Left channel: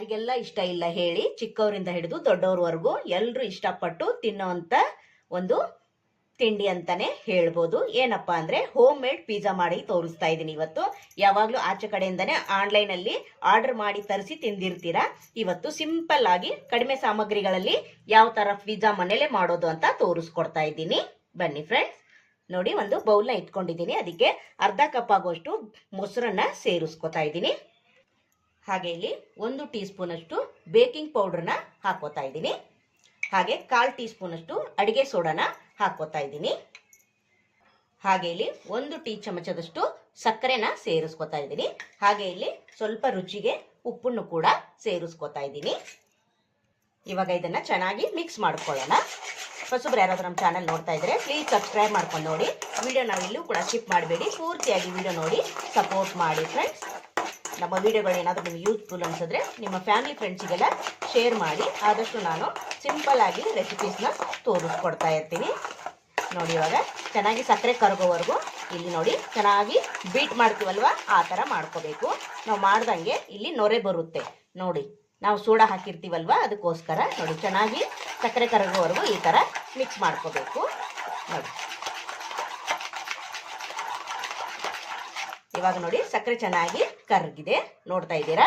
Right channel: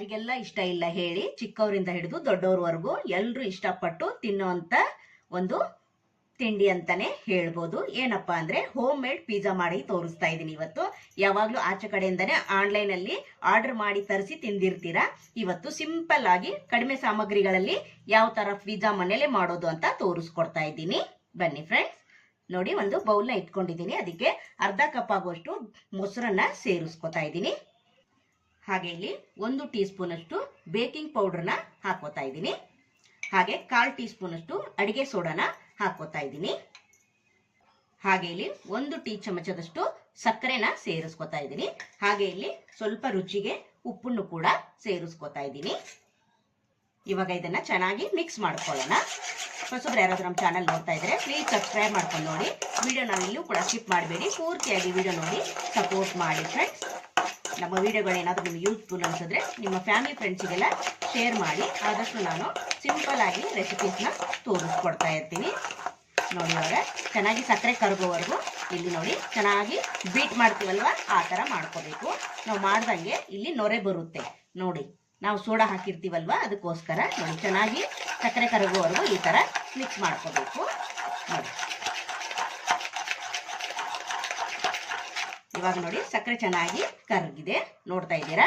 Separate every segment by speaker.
Speaker 1: ಯಾರಿಗೆಲ್ಲ ಇಷ್ಟ ಇಲ್ಲ ಹೇಳಿ ಚಿಕ್ಕವರಿಂದ ಹಿಡಿದು ದೊಡ್ಡವ್ರವರೆಗೂ ಎಲ್ಲರೂ ಇಷ್ಟಪಟ್ಟು ತಿನ್ನುವಂಥ ಒಂದು ತಿಂಡಿ ಅಂತಾನೆ ಹೇಳ್ಬೋದು. ಏನಪ್ಪಾ ಅಂದ್ರೆ ಹೋಮ್ ಮೇಡ್ ಪಿಜ್ಜಾ ಮಾಡಿ ತೋರಿಸ್ತಾ ಇದ್ದೀನಿ ಇವತ್ತು. ಯಾವಾಗಲೂ ಆಚೆ ಕಡೆಯಿಂದನೇ ಆನ್ಲೈನ್ ಅಲ್ಲಿ ಆರ್ಡರ್ ಮಾಡಿ ತರಿಸಿ ತಿಂದಿರ್ತೀರಾ? ಇವತ್ತು ಸಿಂಪಲ್ ಆಗಿ ಕಡಿಮೆ ಸಾಮಗ್ರಿಗಳಲ್ಲಿ ಯಾವ ತರ ಪಿಜ್ಜಾ ಮನೇಲೆ ಮಾಡೋದು ಅಂತ ತೋರಿಸ್ಕೊಡ್ತಾ ಇದ್ದೀನಿ. ಬನ್ನಿ ಫ್ರೆಂಡ್ಸ್ ನೋಡಿ ಒಂದು ಬೌಲ್ನ ಇಟ್ಕೊಂಡಿದ್ದೀನಿ. ಅದಕ್ಕೆ ಅರ್ಧ ಕಪ್ ಆಗುವಷ್ಟು ಮೊಸರನ್ನ ಸೇರಿಸ್ಕೊತಾ ಇದ್ದೀನಿ. ಹಾಗೆ ಇಲ್ಲಿ ಒಂದು ಟೀ ಸ್ಪೂನ್ ಅಷ್ಟು ಬೇಕಿಂಗ್ ಪೌಡರ್ನ ಹಾಕೋತಾ ಇದ್ದೀನಿ. ಹಾಗೆ ಕಾಲು ಟೀ ಸ್ಪೂನ್ ಅಷ್ಟು ಅಡಿಗೆ ಸೋಡಾನ ಹಾಕೋತಾ ಇದ್ದೀನಿ. ಹಾಗೆ ಇಲ್ಲಿ ಒಂದು ಟೀ ಚಮಚದಷ್ಟು ಸಕ್ಕರೆನ ಸೇರಿಸ್ಕೊತಾ ಇದ್ದೀನಿ. ಹಾಗೆ ಇಲ್ಲಿ ಸ್ವಲ್ಪ ರುಚಿಗೆ ಉಪ್ಪನ್ನು ಕೂಡ ಸೇರಿಸ್ಕೊತಾ ಇದ್ದೀನಿ. ಇವಾಗ ಇದನ್ನ ಚೆನ್ನಾಗಿ ಮಿಕ್ಸ್ ಮಾಡ್ಕೊಳ್ಳೋಣ. ಹೊಸಬ್ರು ಯಾರಾದ್ರೂ ನಮ್ಮ ಚಾನಲ್ ನೋಡ್ತಾ ಇದ್ರೆ ಪ್ಲೀಸ್ ಸಬ್ಸ್ಕ್ರೈಬ್ ಮಾಡ್ಕೊಂಡು ನೋಡಿ. ವಿಡಿಯೋ ನಾವು ಇಲ್ಲೂ ಕೂಡ ಸ್ಕಿಪ್ ಮಾಡಬೇಡಿ. ಪೂರ್ತಿಯಾಗಿ ವಿಡಿಯೋ ನೋಡಿ. ಸಪೋರ್ಟ್ ಮಾಡಿ ಫ್ರೆಂಡ್ಸ್ ನಮ್ಮ ವಿಡಿಯೋಗಳು ಏನಾದರೂ ನಿಮ್ಗೆ ಯೂಸ್ಫುಲ್ ಅನ್ಸಿದ್ರೆ ನಿಮ್ಮ ಫ್ಯಾಮಿಲಿ ಫ್ರೆಂಡ್ಸಿಗೆಲ್ಲ ಶೇರ್ ಮಾಡಿ, ಆದಷ್ಟು ನಾನು ಸಿಂಪಲ್ ಆಗಿ ರೆಸಿಪೀಸ್ನ ತೋರಿಸ್ಕೊಡ್ತಾ ಇರ್ತೀನಿ. ನೋಡಿ ಇವಾಗ ಚೆನ್ನಾಗಿ ಸಕ್ಕರೆ ಕರಗೋವರೆಗೂ ಇಲ್ಲಿ ನೋಡಿ ಚೆನ್ನಾಗಿ ಬೀಟ್ ಮಾಡ್ತೀವಲ್ವ? ಆ ಥರ ಮಾಡ್ಕೋಬೇಕು. ನಾವು ಮಾಡ್ದಂಗೆ ಇಲ್ಲಿ ನೊರೆ ಬರುತ್ತೆ. ನೋಡಿ, ನಾವು ಸೋಡಾ ಹಾಕಿರ್ತೀವಲ್ವ? ಅದಕ್ಕೋಸ್ಕರ ನೋಡಿ, ಚೆನ್ನಾಗಿ ಸಕ್ಕರೆ ಕರಗೋವರೆಗೂ ಈ ಥರ ಮಿಕ್ಸ್ ಮಾಡ್ಕೋಬೇಕು. ನೋಡಿ. ಇವಾಗ ನೋಡಿ ಸಕ್ಕರೆ ಚೆನ್ನಾಗಿ ಕರಗಿದೆ. ನೋಡ್ತಾ ಇದ್ದೀರಾ?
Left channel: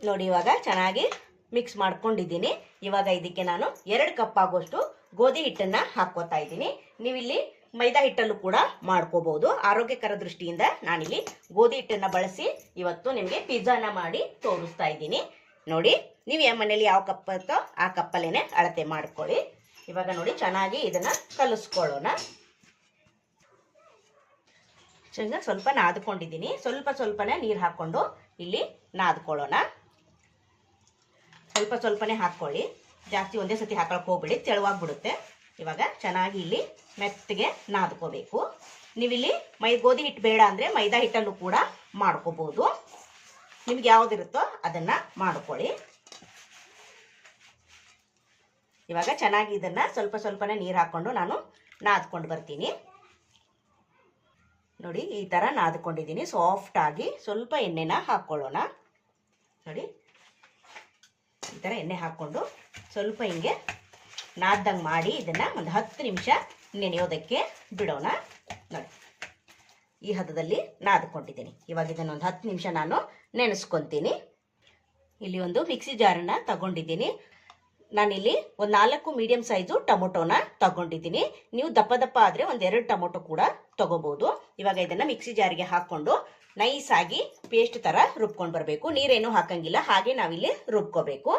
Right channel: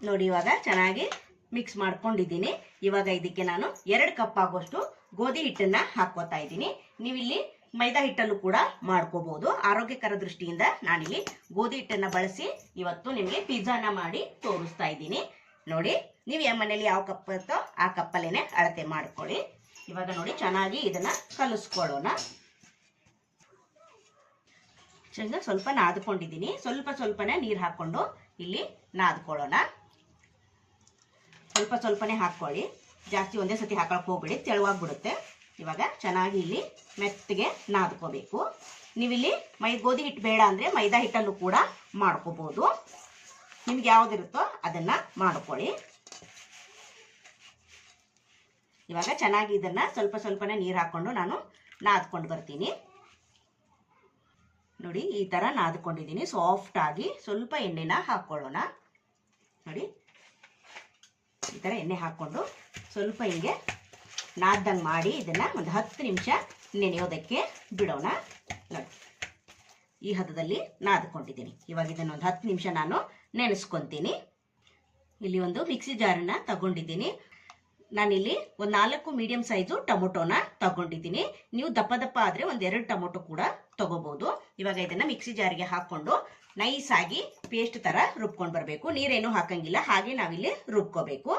Speaker 1: ನೋಡಿ ಇವಾಗ ಚೆನ್ನಾಗಿ ಮಿಕ್ಸ್ ಮಾಡ್ಕೊಂಡಿದ್ದೀನಿ. ಇವಾಗ ಇದಕ್ಕೆ ನಾನು ಎರಡು ಕಪ್ ಆಗುವಷ್ಟು ಗೋಧಿ ಹಿಟ್ಟನ್ನ ಹಾಕೋತಾ ಇದ್ದೀನಿ. ನೀವಿಲ್ಲಿ ಮೈದಾ ಹಿಟ್ಟಲ್ಲೂ ಕೂಡ ಮಾಡ್ಕೋಬಹುದು ಆರೋಗ್ಯಕರ ದೃಷ್ಟಿಯಿಂದ ನಾನಿಲ್ಲಿ ಗೋಧಿ ಹಿಟ್ಟನ್ನ ಬಳಸಿ ಇವತ್ತು ನಿಮಗೆ ಪಿಜ್ಜಾನ ಮಾಡಿ ತೋರಿಸ್ತಾ ಇದ್ದೀನಿ. ನೋಡಿ, ನೀವು ಯಾವ ಮನೇಲಿ ಯಾವ ಕಪ್ ಆ ಕಪ್ಪಲ್ಲೇನೆ ಅಳತೆ ಮಾಡ್ಕೊಳ್ಳಿ. ಇವಾಗ ನೋಡಿ ಚೆನ್ನಾಗಿ ಇದನ್ನ ಕಲಿಸ್ಕೊಳ್ಳೋಣ. ಚೆನ್ನಾಗಿ ಸ್ವಲ್ಪ ನಾದ್ಕೊಂಡಿದ್ದೀನಿ ಸ್ವಲ್ಪ ಸ್ವಲ್ಪನೇ ನೀರು ಹಾಕ್ಕೊಂಡು ಇಲ್ಲಿ ನಾದ್ಕೊಳ್ಳೋಣ. ಸ್ವಲ್ಪ ಸ್ವಲ್ಪನೇ ಹಾಕ್ಕೊಳ್ಳಿ. ಜಾಸ್ತಿ ಒಂದೇ ಸತಿ ಹಾಕೊಳಕ್ಕೆ ಹೋಗ್ಬಿಡಿ, ತೆಳುವಾಗ್ಬಿಡುತ್ತೆ. ಇವಾಗ ಚೆನ್ನಾಗಿ ಇಲ್ಲಿ ಮೆತ್ತಗೆ ನಾದ್ಕೋಬೇಕು. ನೀವಿಲ್ಲಿ ಮೈ, ಗೋಧಿ ಹಿಟ್ಟು ಬೇಡ ಅಂದರೆ ಮೈದಾ ಹಿಟ್ಟನ್ನು ಕೂಡ ಮಾಡ್ಕೋಬೋದು. ನಿಮ್ಗೆ ಯಾವುದಿರುತ್ತೋ ಅದನ್ನು ಮಾಡ್ಕೊಳ್ಳಿ. ಇವಾಗ ಚೆನ್ನಾಗಿ ಇದನ್ನು ಸ್ವಲ್ಪ ಸ್ವಲ್ಪನೇ ನೀರು ಹಾಕ್ಕೊಂಡು ನಾನು ನಾದ್ಕೊಂಡು ಬರ್ತೀನಿ. ನೋಡಿ, ಈ ಥರ ನಾದ್ಕೊಂಡಿದ್ದೀನಿ. ಸಾಫ್ಟ್ ಆಗಿ ಸ್ವಲ್ಪ ಎಣ್ಣೆನ ಹಾಕ್ಕೊಳ್ಳೋಣ ನೋಡಿ, ಈ ಥರ ಎಣ್ಣೆ ಹಾಕ್ಕೊಂಡು ಸ್ವಲ್ಪ ಹಿಂಗೆ ನಾದ್ದಂಗೆ ಮಾಡಿ ಇದನ್ನು ಒಂದು ಹತ್ತು ನಿಮಿಷ ನೆನೆಯೋದಕ್ಕೆ ಬಿಡೋಣ. ನೋಡಿ, ಈ ಹದದಲ್ಲಿ ನಾದ್ಕೊಂಡಿದ್ದೀನಿ. ಇವಾಗ ಇದನ್ನು ಒಂದು ಹತ್ತು ನಿಮಿಷ ನಾನು ನೆನೆಸ್ಕೊತೀನಿ. ಇಲ್ಲಿ ಒಂದು ಮಿಕ್ಸಿ ಜಾರನ್ನ ತಗೊಂಡಿದ್ದೀನಿ. ನಾನಿಲ್ಲಿ ಒಂದು ನಾಲ್ಕು ಮೀಡಿಯಂ ಸೈಜು ಟೊಮೊಟೊನ ತಗೊಂಡಿದ್ದೀನಿ. ನೀವು ದಪ್ಪ ದಪ್ಪ ಆದರೆ ಒಂದು ಎರಡು ಟೊಮೊಟೊ ಕೂಡ ತಗೋಬಹುದು ಇವಾಗ ಇದನ್ನು ಮಿಕ್ಸಿ ಜಾರಿಗೆ ಹಾಕೊಂಡು ನೈಸ್ ಆಗಿ ಪೇಸ್ಟ್ ಥರ ರುಬ್ಕೊಂಡು ಬರಬೇಕು. ನೀರೇನು ಹಾಕಂಗಿಲ್ಲ. ಹಾಗೆ ನಾವಿಲ್ಲಿ ರುಬ್ಕೋಬೇಕು.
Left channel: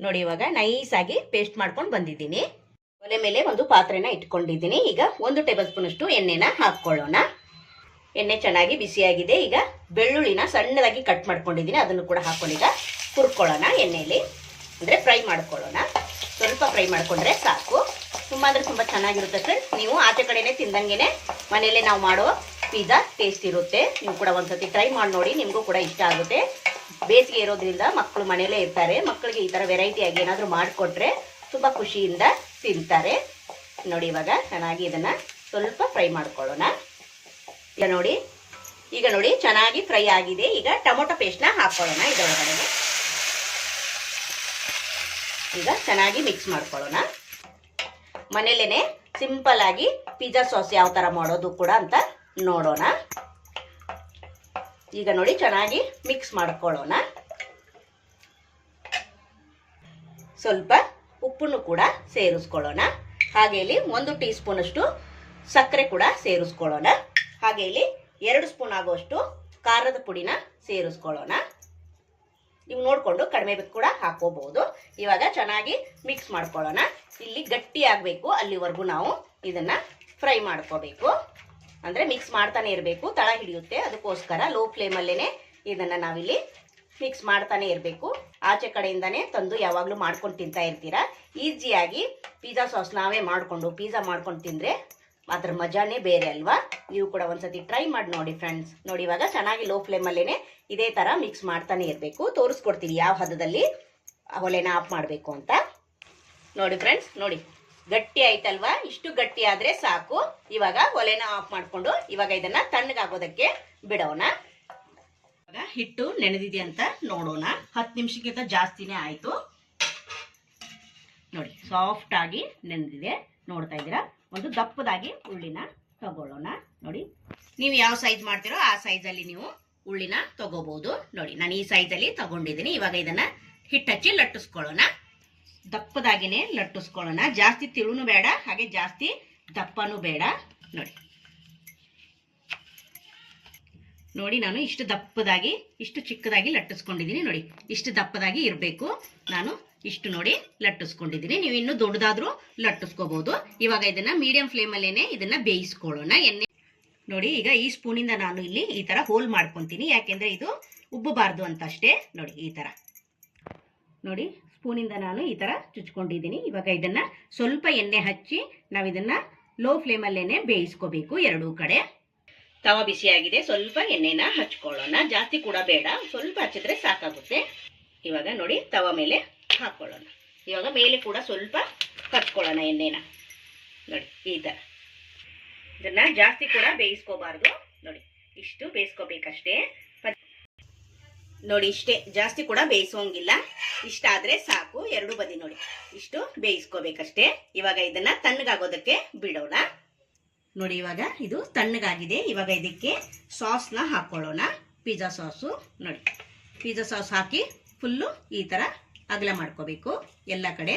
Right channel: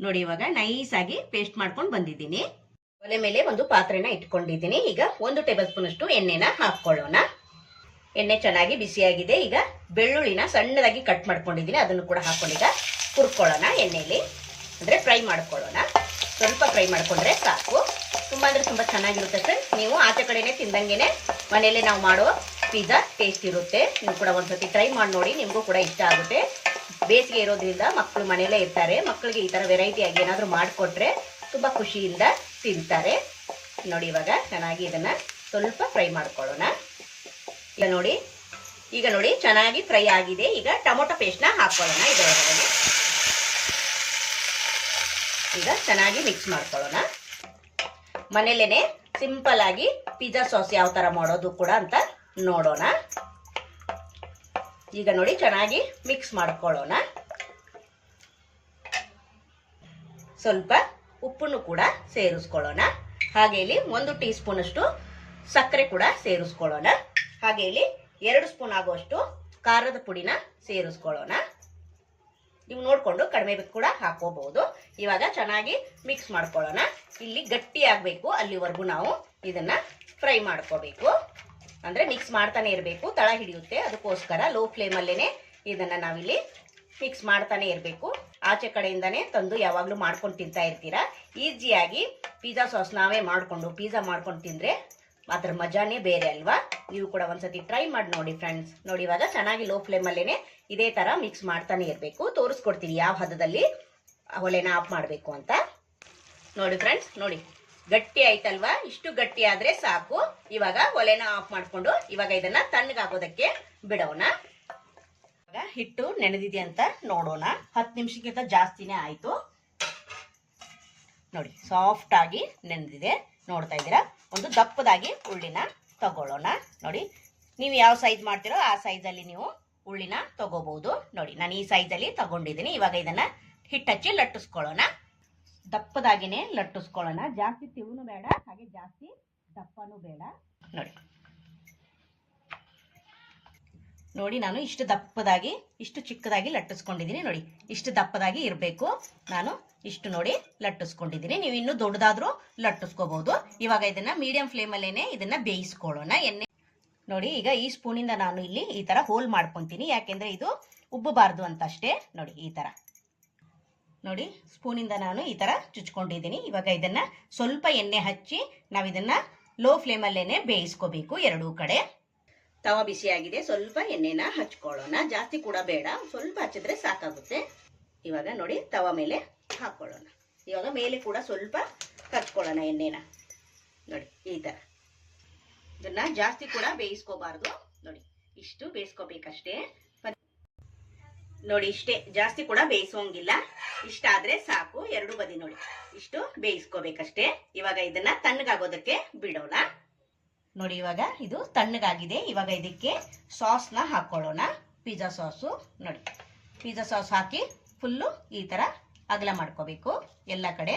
Speaker 1: ನೋಡಿ ಇವಾಗ ನೈಸ್ ಆಗಿ ಪೇಸ್ಟ್ ಮಾಡ್ಕೊಂಡು ಬಂದಿದ್ದೀನಿ. ಒಲೆ ಮೇಲೆ ಒಂದು ಪಾತ್ರೆನ ಇಟ್ಕೊಂಡಿದ್ದೀನಿ. ಈಗ ಒಂದು ಟೇಬಲ್ ಸ್ಪೂನ್ ಅಷ್ಟು ಎಣ್ಣೆನ ಹಾಕ್ಕೊಳ್ಳೋಣ. ಎಣ್ಣೆ ಚೆನ್ನಾಗಿ ಬಿಸಿಯಾಗಿದೆ. ಈಗ ಬೆಳ್ಳುಳ್ಳಿನ ಸಣ್ಣದಾಗಿ ಕಟ್ ಮಾಡ್ಕೊಂಡಿದ್ದೀನಿ. ಅದನ್ನು ಕೂಡ ಹಾಕೊಂಡೀಗ ಹುರ್ಕೊಳ್ಳೋಣ ಎಣ್ಣೆಯಲ್ಲಿ ಅಂದರೆ ಫ್ರೈ ಮಾಡ್ಕೊಳ್ಳೋಣ. ಸ್ವಲ್ಪ ಫ್ರೈ ಮಾಡಿಕೊಂಡ್ರೆ ಸಾಕು. ತುಂಬ ಅಂದರೆ ತುಂಬ ಚೆನ್ನಾಗಿರುತ್ತೆ ಸರ್ ನೀವು ಆಚೆ ಕಡೆನೇ ತಿಂದಂಗೆನೆ ಮನೇಲಿ ನಾವು ಮಾಡೋ ಪಿಜ್ಜಾ ಟೇಸ್ಟ್ ಇರುತ್ತೆ. ನೀವು ಕೂಡ ಒಂದ್ಸತಿ ಟ್ರೈ ಮಾಡಿ ನೋಡಿ, ನಿಮಗೂ ಕೂಡ ಇಷ್ಟ ಆಗುತ್ತೆ. ಬೇಸಿಗೆ ಇರೋದ್ರಿಂದ ಮಕ್ಕಳು ಮನೆಯಲ್ಲೇ ಇರ್ತಾರೆ. ಮಕ್ಕಳಿಗೆ ಈ ಥರ ವೆರೈಟಿಯಾಗಿ ಏನಾದರೂ ಮಾಡಿಕೊಟ್ರೆ ತುಂಬ ಖುಷಿಯಿಂದ ತಿಂತಾರೆ. ನೋಡಿ ಇವಾಗ ಚೆನ್ನಾಗಿ ಇದನ್ನು ಸ್ವಲ್ಪ ಫ್ರೈ ಮಾಡ್ಕೊಳ್ಳೋಣ. ಈಗ ನೋಡಿ ಈಗ ನೋಡಿ ಚೆನ್ನಾಗಿ ಫ್ರೈ ಆಗಿದೆ. ಈಗ ಟೊಮೊಟೊ ಪೇಸ್ಟ್ನ ಹಾಕ್ಕೊಳ್ಳೋಣ ಇದರೊಳಗಡೆ ಈಗ ಚೆನ್ನಾಗಿ ಮಿಕ್ಸ್ ಮಾಡ್ಕೊಳ್ಳೋಣ. ಮನೇಲೇನೆ ಸಿಂಪಲ್ ಆಗಿ ಪಿಜ್ಜಾ ಸಾಸ್ ಯಾವ ಥರ ಮಾಡೋದು ಕೂಡ ಅಂತ ನೋಡೋಣ. ಈಗ ನೋಡಿ ಚೆನ್ನಾಗಿ ಮಿಕ್ಸ್ ಮಾಡ್ಕೊಳ್ಳೋಣ. ಸ್ವಲ್ಪ ಉಪ್ಪನ್ನು ಕೂಡ ಸೇರಿಸ್ಕೊಳ್ಳೋಣ. ಹಾಗೆ ಇಲ್ಲಿ ಒಂದು ಟೀ ಸ್ಪೂನಷ್ಟು ಸಕ್ಕರೆ ಕೂಡ ಸೇರಿಸ್ಕೊಳ್ಳೋಣ. ಹಾಗೆ ಇಲ್ಲಿ ಎರಡು ಸ್ಪೂನ್ ಆಗುವಷ್ಟು ಖಾರದ ಪುಡಿನ ಸೇರಿಸ್ಕೊಳ್ಳೋಣ. ನೀವು ನೋಡಿಕೊಂಡು ಕಡಿಮೆ ಕೂಡ ಹಾಕೋಬಹುದು. ಇವಾಗ ಚೆನ್ನಾಗಿ ಮಿಕ್ಸ್ ಮಾಡ್ಕೊಳ್ಳೋಣ. ಇಲ್ಲಿ ಗಟ್ಟಿ ಆಗಬೇಕು, ಅಲ್ಲಿವರೆಗೂ ನಾವು ಇದನ್ನ ಫ್ರೈ ಮಾಡ್ಕೋಬೇಕು. ಅಂದರೆ ಮಿಕ್ಸ್ ಮಾಡ್ತಾನೆ ಇರಬೇಕು, ತಳ ಹಿಡಿಯುತ್ತೆ. ಅದಕ್ಕೋಸ್ಕರ ಲೋ ಫ್ಲೇಮಲ್ಲೇ ಇದನ್ನು ನಾವಿಲ್ಲಿ ಮಿಕ್ಸ್ ಮಾಡ್ತಾನೆ ಇರಬೇಕು. ಆಚೆ ಕಡೆಯಿಂದನೇ ತಂದು ಯಾವಾಗಲೂ ಮಾಡ್ಕೊಂಡು ತಿಂತಾ ಇರ್ತೀರಾ? ಈಸಿಯಾಗಿ ಪಿಜ್ಜಾ ಸಾಸ್ ನಾವೇ ಮಾಡಿಕೊಂಡು ಪಿಜ್ಜಾ ಮಾಡ್ಕೊಂಡು ತಿಂದರೆ ಅದ್ರ ಮಜಾನೇ ಬೇರೆ ಅಲ್ವಾ? ನೀವು ಕೂಡ ಒಂದ್ಸತಿ ಟ್ರೈ ಮಾಡಿ ನೋಡಿ ಫ್ರೆಂಡ್ಸ್ ನೋಡಿ ಇವಾಗ ಚೆನ್ನಾಗಿ ಲೋ ಫ್ಲೇಮಲ್ಲೇ ಇದೇ ಥರ ಮಿಕ್ಸ್ ಮಾಡ್ತಾನೆ ಇರಬೇಕು. ತೋರಿಸ್ಕೊಡ್ತೀನಿ ಯಾವ ಹದದಲ್ಲಿ ಒಲೆನ ಆಫ್ ಮಾಡಬೇಕು ಅಂತ. ನೋಡಿ ಫ್ರೆಂಡ್ಸ್ ನೋಡಿ. ಗಟ್ಟಿ ಆಯ್ತಲ್ವಾ? ಇಷ್ಟು ಗಟ್ಟಿ ಆದ್ರೆ ಸಾಕು. ಇವಾಗ ಒಲೆನ ಆಫ್ ಮಾಡ್ಕೊಂಡು ಇವಾಗ ಇದನ್ನ ತಣ್ಣಗಾಗೋದಕ್ಕೆ ಬಿಡೋಣ. ಇವಾಗ ಹಿಟ್ಟು ನೆನೆದಿದೆ ಅಂತ ನೋಡೋಣ. ಹತ್ತು ನಿಮಿಷಕ್ಕಿಂತ ಜಾಸ್ತಿನೇ ಆಯಿತು. ನೋಡಿ ಸಾಫ್ಟ್ ಆಗಿ ನೆನೆದಿದೆ. ನೋಡ್ತಾ ಇದ್ದೀರಾ? ಒಂದು ದಪ್ಪದಾಗಿ ಉಳ್ಳಿನ ತಗೊಳ್ಳೋಣ. ನೋಡಿ, ನೀವು ಯಾವ ಸೈಜ್ ಮಾಡ್ತೀರೋ ಆ ಸೈಜಲ್ಲಿ ನೀವು ಉಳ್ಳಿನ ತಗೋಬಹುದು ನೋಡಿ, ನಾನು ಈ ಸೈಜಲ್ಲಿ ತಗೊಂಡಿದ್ದೀನಿ. ಇವಾಗ ಇದನ್ನ ಹಿಟ್ಟಚ್ಚಿ ಲಟ್ಟಿಸ್ಕೊಳ್ಳೋಣ. ದಪ್ಪದಾಗಿನೇ ಲಟ್ಟಿಸ್ಕೊಳ್ಳೋಣ. ಜಾಸ್ತಿ ತಿಳುನು ಬೇಡ, ಹಾಗೆ ಜಾಸ್ತಿ ದಪ್ಪನೂ ಬೇಡ. ನೋಡಿ. ನೋಡಿ, ನಾನು ಇಷ್ಟು ದಪ್ಪದಾಗಿ, ಇಷ್ಟು ಚಿಕ್ಕದಾಗಿ ಲಟ್ಟಿಸ್ಕೊಂಡಿದ್ದೀನಿ. ನೋಡಿ, ಇಷ್ಟು ದಪ್ಪದಾಗಿ ಇರಬೇಕು. ನಾನು ಇಷ್ಟು ನೋಡಿ ಲಟ್ಟಿಸ್ಕೊಂಡಿದ್ದೀನಿ. ನೀವು ಇನ್ನೂ ದೊಡ್ಡದಾದ್ರೂ ಲಟ್ಟಿಸ್ಕೋಬಹುದು ಇವಾಗ ಇದನ್ನ ಮೀಡಿಯಂ ಫ್ಲೇಮಲ್ಲೇನೆ ಇದನ್ನ ಬೇಯಿಸ್ಕೊಳ್ಳೋಣ. ಎಣ್ಣೆ ನೋಡಿ, ಈಗ ಈ ಸ್ಪೂನಿಂದ ನಾನು ಇಲ್ಲಿ ಈ ತರ ಹೋಲ್ ಮಾಡ್ಕೊತೀನಿ. ಯಾಕೆಂದ್ರೆ ಇದು ಉಬ್ಬಬಾರ್ದು ಅಂತ ಅಷ್ಟೇ ನೋಡಿ, ಈ ತರ. ನೋಡಿ ಸ್ಪೂನಿಂದ ನಾನು ಈ ತರ ಚುಚ್ಕೊಂಡಿದ್ದೀನಿ. ಇವಾಗ ಇದನ್ನ ಸ್ವಲ್ಪ ಎಣ್ಣೆ ಹಚ್ಚಿ ನಾವು ಇದನ್ನ ಲೋ ಫ್ಲೇಮಲ್ಲೇನೆ ಬೇಯಿಸ್ಕೋಬೇಕು ಎರಡೂ ಕಡೆ. ತವ ಬಿಸಿಯಾಗಿದೆ ಸ್ವಲ್ಪ ಎಣ್ಣೆನ ಹಚ್ಕೊಳ್ಳೋಣ. ಜಾಸ್ತಿ ಕೂಡ ಬೇಡ. ಸ್ವಲ್ಪ ಹಚ್ಚಿದ್ರೆ ಸಾಕಾಗುತ್ತೆ. ಇವಾಗ ನೋಡಿ, ತವ ಮೇಲೆ ಹಾಕೊಳ್ಳೋಣ. ಇವಾಗ ಮೇಲೆ ಕೂಡ ಸ್ವಲ್ಪ ಕರ್ಕೊಳ್ಳೋಣ ಎಣ್ಣೆನ. ನೋಡಿ, ಈ ಥರ ಇದನ್ನ ಜಾಸ್ತಿ ಕೂಡ ಬೇಯಿಸ್ಕೋಬಾರ್ದು. ನೋಡಿ, ಇಷ್ಟು ಬೇಯಿಸ್ಕೋಬೇಕಷ್ಟೇ. ನೋಡಿ, ಇಷ್ಟೇ. ಜಾಸ್ತಿ ಕೂಡ ಬೇಯಿಸೋಂಗಿಲ್ಲ. ಇಷ್ಟಾದ್ರೆ ಸಾಕು. ಎರಡು ಬದಿ ನೋಡಿ. ಇಷ್ಟು ಬೇಯಿಸ್ಕೋಬೇಕಷ್ಟೇ. ಇವಾಗ ಇದನ್ನ ತಣ್ಣಗಾಗೋದಕ್ಕೆ ಬಿಡೋಣ. ನೋಡಿ, ಇವಾಗ ಇದು ತಣ್ಣಗಾಗಿದೆ. ಇವಾಗ ಇದಕ್ಕೆ ಸಾಸ್ನ ಹಾಕೊಳ್ಳೋಣ. Pizza sauce. ನೋಡಿ, ಪಿಜ್ಜಾ ಸಾಸ್ ಹಾಕಿ ಫುಲ್ಲು ಈ ಥರ ಅಗಲ ಮಾಡ್ಕೋಬೇಕು ಎಲ್ಲ ಕಡೆ.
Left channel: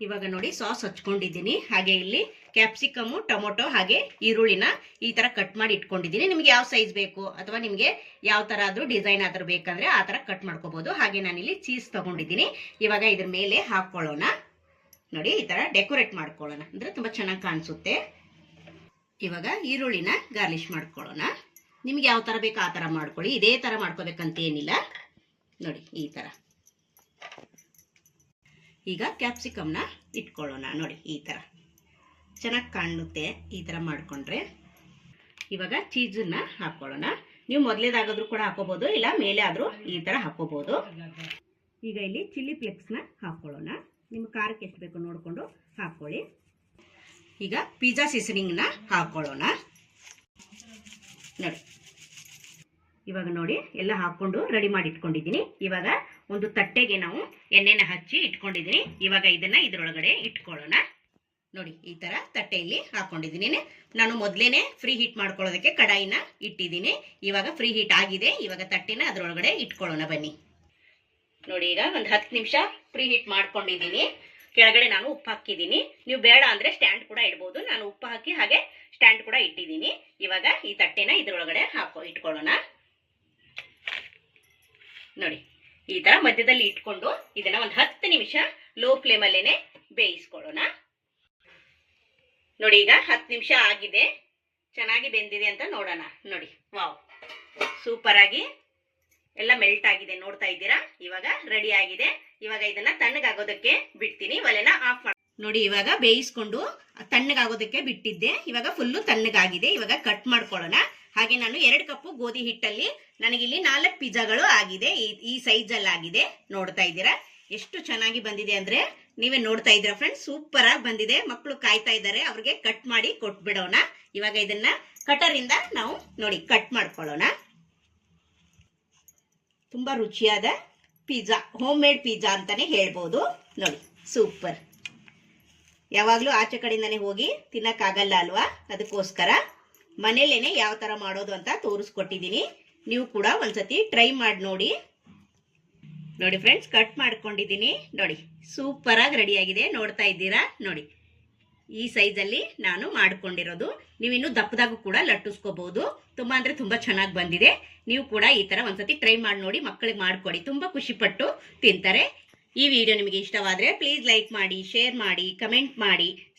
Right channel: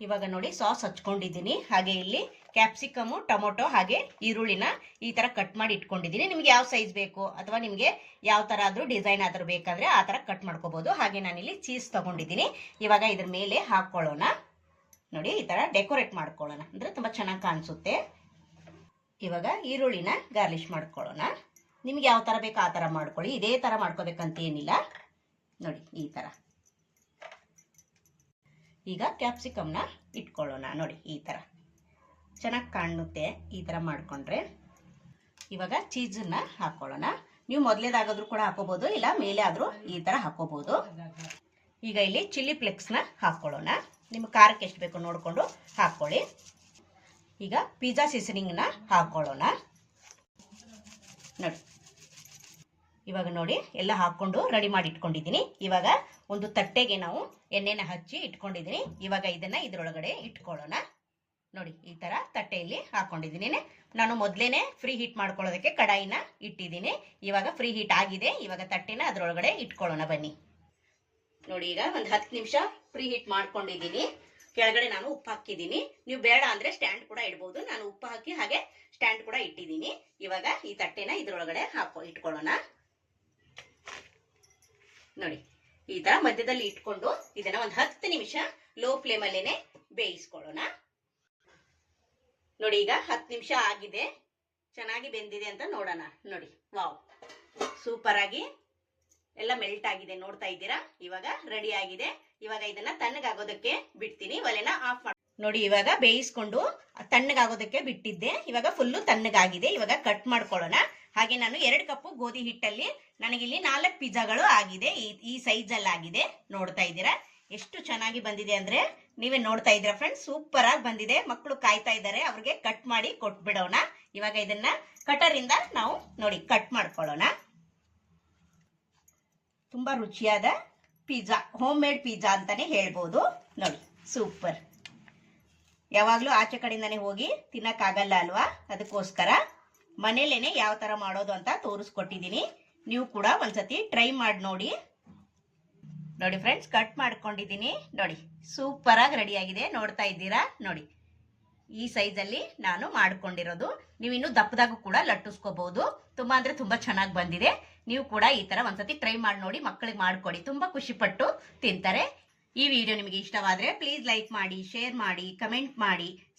Speaker 1: ಇವಾಗ ನೋಡಿ ಸಾಸ್ ಹಚ್ಕೊಂಡಿದ್ದೀನಿ. ಹಾಗೆ ಇಲ್ಲಿ ಕ್ಯಾಪ್ಸಿಕಮು, ಟೊಮೊಟೊ, ಹಾಗೆ ಈರುಳ್ಳಿನ ಈ ಥರ ಕಟ್ ಮಾಡಿ ಇಟ್ಕೊಂಡಿದ್ದೀನಿ. ನಿಮ್ಗೆ ಯಾವ ಸೈಜ್ ಬೇಕು ಅಥವಾ ನಿಮಗೆ ಯಾವ ಥರ ಆದರೂ ಡಿಸೈನ್ ಆದರೂ ಬೇಕಂದ್ರೆ ಆ ಥರ ಕಟ್ ಮಾಡ್ಕೋಬೋದು. ಹಾಗೆ ನಾನಿಲ್ಲಿ ಚೀಸ್ ತೊಗೊಂಡಿದ್ದೀನಿ. ಇವಾಗ ಇದ್ರ ಮೇಲೆ ಹಾಕ್ಕೊಳ್ಳೋಣ ನೋಡಿ ಈ ಥರ ಡೆಕೋರೇಟ್ ಮಾಡ್ಕೊಳ್ಳೋಣ. ಅಂದರೆ ತುಂಬ ಚೆನ್ನಾಗಿ ಕಾಣಿಸುತ್ತೆ. ಇವಾಗ ಈರುಳ್ಳಿನ ಗಾರ್ಲಿಶ್ ಮಾಡ್ಕೊಳ್ಳೋಣ. ನಿಮ್ಗೆ ಯಾವ ಥರ ಬೇಕು ಆ ಥರ ಮಾಡ್ಕೊಳ್ಳಿ. ಇದೇ ಥರ ಮಾಡ್ಕೋಬೇಕಂತ ಏನಿಲ್ಲ. ನೋಡಿ ಈ ಥರ ಈಗ ಕ್ಯಾಪ್ಸಿಕಮ್ನ ಇಟ್ಕೊಳ್ಳೋಣ. ನೋಡಿ, ಈ ಥರ ಚೆನ್ನಾಗಿ ಕಾಣುತ್ತೆ ಈ ಥರ ಮಾಡಿಕೊಂಡ್ರೆ. ಇವಾಗ ಚೀಸನ್ನ ಹಾಕ್ಕೊಳ್ಳೋಣ ನೀವು ಮೊದಲೇದಾಗಾದ್ರೂ ಕೂಡ ಹಾಕೋಬೋದು, ಇಲ್ಲ ಮೇಲೆ ಆದರೂ ಈ ಥರ ಹಾಕೋಬೋದು. ಈಗ ಇಲ್ಲಿ ಚಿಲ್ಲಿ ಫ್ಲೆಕ್ಸ್ನ ಹಾಕ್ಕೊಳ್ಳೋಣ ನಿಮ್ಮ ಖಾರಕ್ಕೆ ಎಷ್ಟು ಬೇಕು ನೋಡಿಕೊಂಡು ಹಾಕ್ಕೊಳ್ಳಿ ಈಗ ಪಿಜ್ಜಾ ಸೀಸನಿಂಗ್ನ ಹಾಕ್ಕೊಳ್ಳೋಣ ನೋಡಿ, ಇವಾಗ ನೋಡಿ, ಎಲ್ಲ ಹಾಕ್ಕೊಂಡು ರೆಡಿ ಮಾಡಿ ಇಟ್ಕೊಂಡಿದ್ದೀನಿ. ಇವಾಗ ಒಂದು ತಟ್ಟೆಗೆ ನಾವು ಎಣ್ಣೆನ ಹಚ್ಚಿ ಇಟ್ಕೊಂಡಿದ್ದೀನಿ. ಇವಾಗ ಇದನ್ನ ಇದರೊಳಗಡೆ ಇಟ್ಕೊಳ್ಳೋಣ. ನೋಡಿ, ಈ ತರ ತಟ್ಟೆಯಲ್ಲಿ ಹಾಕೊಂಡಿದ್ದೀನಿ. ನಾನು ಮೊದಲೇನೆ ಫ್ರೀ ಹೀಟ್ ಮಾಡ್ಕೊಳ್ಳೋದಕ್ಕೆ ಕಡಾಯಿನ ಇಟ್ಟಿದ್ದೀನಿ. ಇವಾಗ ಫ್ರೀ ಹೀಟ್ ಆಗಿದೆ. ಇವಾಗ ತಟ್ಟೆನ ಅದರೊಳಗಡೆ ಇಟ್ಕೊಳ್ಳೋಣ ಬನ್ನಿ. ನೋಡಿ, ಈಗ ಒಂದು ಹತ್ತು ನಿಮಿಷ ಫ್ರೀ ಹೀಟ್ ಮಾಡ್ಕೊಂಡಿದ್ದೀನಿ. ಕೆಳಗಡೆ ನಾನು ಉಪ್ಪು ಹಾಕಿದ್ದೀನಿ. ನೀವು ಬೇಡ ಅಂದ್ರೆ ಸ್ಟ್ಯಾಂಡ್ ಕೂಡ ಇಡ್ಬೋದು. ನಾನು ಉಪ್ಪು ಹಾಕಿ ಹಾಗೆ ಸ್ಟ್ಯಾಂಡ್ ಕೂಡ ಇಟ್ಟಿದ್ದೀನಿ. ಇವಾಗ ಈ ತಟ್ಟೆನ ಇದರೊಳಗಡೆ ಹಾಕೋ, ಇಟ್ಕೊಳ್ಳೋಣ. ನೋಡಿ ಈ ತರ ಮಧ್ಯದಲ್ಲಿ ಇಟ್ಕೊಂಡು ಇದನ್ನ ಒಂದು ಹತ್ತು ನಿಮಿಷ ಲೋ ಫ್ಲೇಮ್ ಅಲ್ಲೇನೆ ಬೇಯಿಸ್ಕೊಳ್ಳೋಣ. ನೋಡಿ, ಈಗ ಹತ್ತು ನಿಮಿಷ ಆಗಿದೆ. ಚೆನ್ನಾಗಿ ಬೆಂದಿದೆ ಅಂತ ನೋಡೋಣ. ನೋಡಿ, ವಾವ್. ಸೂಪರ್ ಆಗಿ ಎಲ್ಲ ಮೆಲ್ಟ್ ಆಗಿದೆ. ನೋಡ್ತಾ ಇದ್ದೀರಾ? ಇವಾಗ ರೆಡಿ ಆಗಿದೆ. ಇವಾಗ ಇದನ್ನ ತಣ್ಣಗಾಗೋದಕ್ಕೆ ಬಿಡ್ತೀನಿ. ಒಲೆನ ಆಫ್ ಮಾಡಿ ನೋಡಿ, ಇವಾಗ ಬೇಯಿಸ್ಕೊಂಡು ತಣ್ಣಗಾಗೋದಕ್ಕೆ ಬಿಟ್ಟಿದ್ದೆ. ಇವಾಗ ಫುಲ್ಲು ತಣ್ಣಗಾಗಿದೆ. ಇವಾಗ ಕಟ್ ಮಾಡ್ಕೊಳ್ಳೋಣ. ಹಾಗೆ ನಾನು ಎರಡು ಕಪ್ಪು ಗೋಧಿ ಹಿಟ್ಟಲ್ಲಿ ನನಗಿಲ್ಲಿ ನಾಲ್ಕು ಪಿಜ್ಜಾಗಳು ಆಗಿದೆ. ಈ- ಈ ಸೈಜ್ ಅಲ್ಲಿ ಆಗಿದೆ. ನೋಡ್ತಾ ಇದ್ದೀರಾ? ಎಷ್ಟು ಚೆನ್ನಾಗಿ ಬಂದಿದೆ ಅಂದ್ರೆ ನೀವೇ ನೋಡ್ತಾ ಇದ್ದೀರಾ ಫ್ರೆಂಡ್ಸ್ ಸೂಪರ್ ಆಗಿ ಬಂದಿದೆ. ಮಕ್ಕಳು ಕಾಯ್ತಾ ಇದ್ದಾರೆ. ಅವ್ರಿಗೆ ಕಟ್ ಮಾಡಿ ಕೊಟ್ಬಿಡೋಣ. ಇವಾಗ ಇದನ್ನ ಕಟರ್ ಇಂದ ನಾವು ನೋಡಿ ಕಟ್ ಮಾಡ್ಕೊಳ್ಳೋಣ. ತುಂಬಾ ರುಚಿಯಾದ ಪಿಜ್ಜಾ ಹೋಮ್ ಮೇಡ್ ಪಿಜ್ಜಾ ಅಂತಾನೆ ಹೇಳ್ಬೋದು. ನೋಡಿ ಸೂಪರ್ ಯಾವಾಗಲೂ ಆಚೆ ಕಡೆಯಿಂದಾನೆ ಹೋಗಿ ತಿನ್ನಕ್ಕಾಗಲ್ಲ ಅಲ್ವಾ? ಅದಕ್ಕೋಸ್ಕರ ಮನೇಲೇನೆ ಯಾವ ಥರ ಮಾಡೋದು ಅಂತ ತೋರಿಸ್ಕೊಟ್ಟಿದ್ದೀನಿ ನೀವು ಕೂಡ ಒಂದ್ಸತಿ ಟ್ರೈ ಮಾಡಿ ನೋಡಿ. ನೋಡಿ ಫ್ರೆಂಡ್ಸ್ ಕಟ್ ಮಾಡ್ಕೊಂಡಿದ್ದೀನಿ ನೋಡಿ ಸೂಪರ್ ಆಗಿ ರೆಡಿ ಆಗಿದೆ. ನೋಡ್ತಾ ಇದ್ದೀರಾ? ನೋಡಿ, ಈ ಸೈಜಲ್ಲಿ ನಾನು ಮಾಡ್ಕೊಂಡಿರೋದು. ನೀವು ಇನ್ನು ದಪ್ಪದಾಗೂ ಕೂಡ ಲಟ್ಟಿಸ್ಕೋಬಹುದು ತುಂಬಾ ಅಂದ್ರೆ ತುಂಬಾ ಚೆನ್ನಾಗಿ ಬಂದಿದೆ. ನೀವು ಕೂಡ ಈ ತರ ಒಂದ್ಸತಿ ಟ್ರೈ ಮಾಡಿ ನೋಡಿ ಮಕ್ಕಳಿಗೆ ಮಾಡ್ಕೊಡಿ. ತುಂಬಾ ಖುಷಿ ಪಟ್ಟು ತಿಂತಾರೆ. ಈ ವಿಡಿಯೋ ನಿಮಗೆ ಇಷ್ಟವಾದ್ರೆ ಪ್ಲೀಸ್ ಲೈಕ್ ಮಾಡಿ ಶೇರ್ ಮಾಡಿ ಕಮೆಂಟ್ ಮಾಡಿ.